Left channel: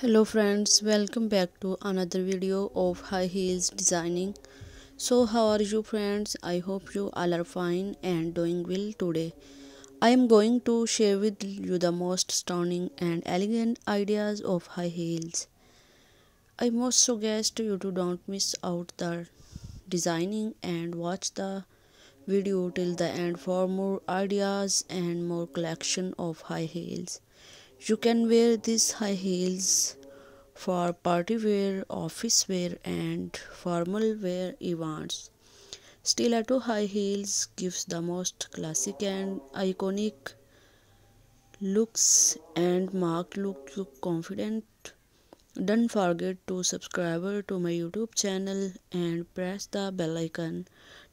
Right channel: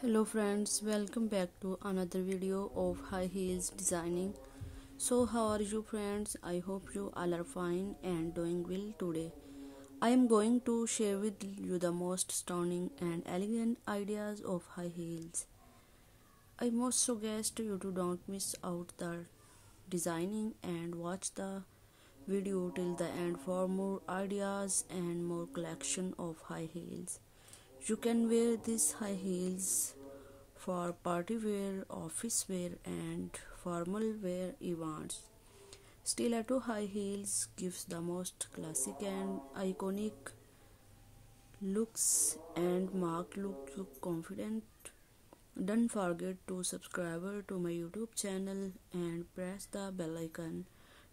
Hello friends, welcome back to another video of high heels designing. So how are you friends? I hope you all are fine and doing well today. I am going to share with you the most stunning and elegant ideas of high heels. I must suggest you to don't miss out the designing and watch the video till the end for more ideas and more collection of high heels. You can wear these high heels for party wear, office wear, and formal wear events. Stiletto high heels gives the most classic and iconic looks and look you confident. Don't forget to subscribe to my YouTube channel and press the bell icon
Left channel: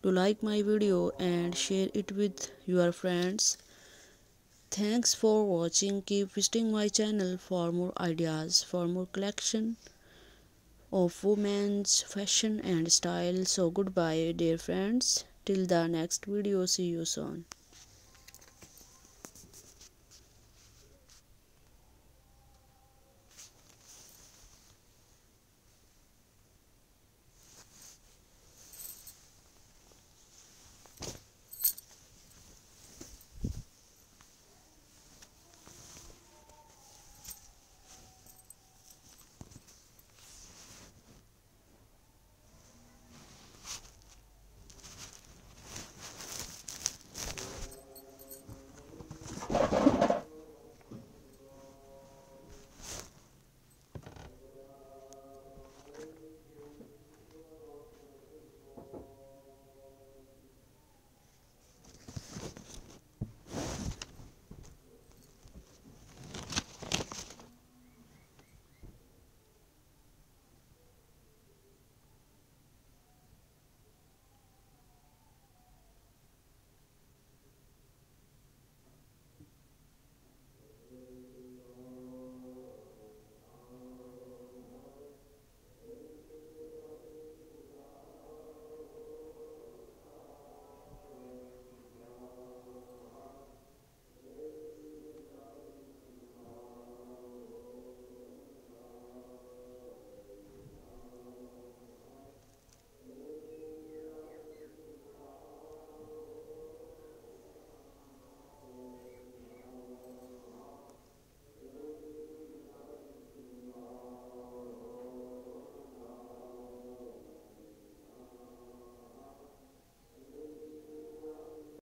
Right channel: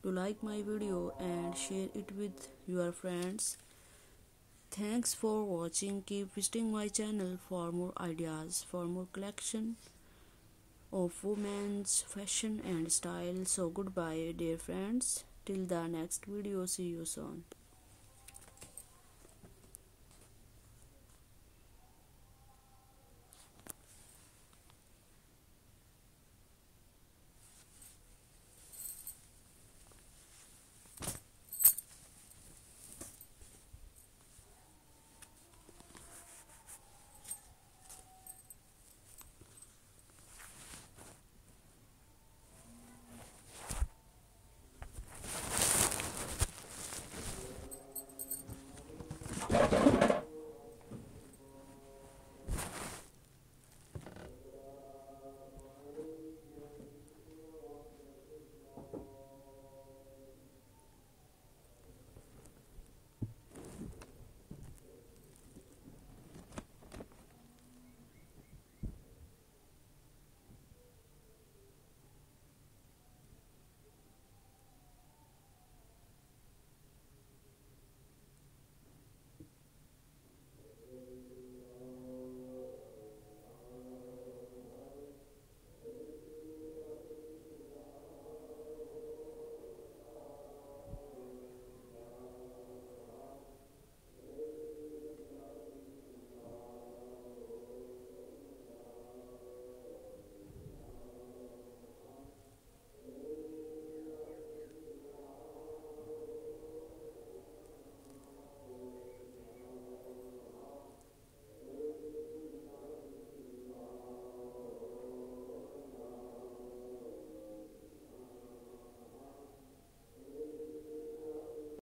to like my video and share it with your friends. Thanks for watching. Keep visiting my channel for more ideas, for more collection of women's fashion and style. So goodbye dear friends, till the next video, see you soon.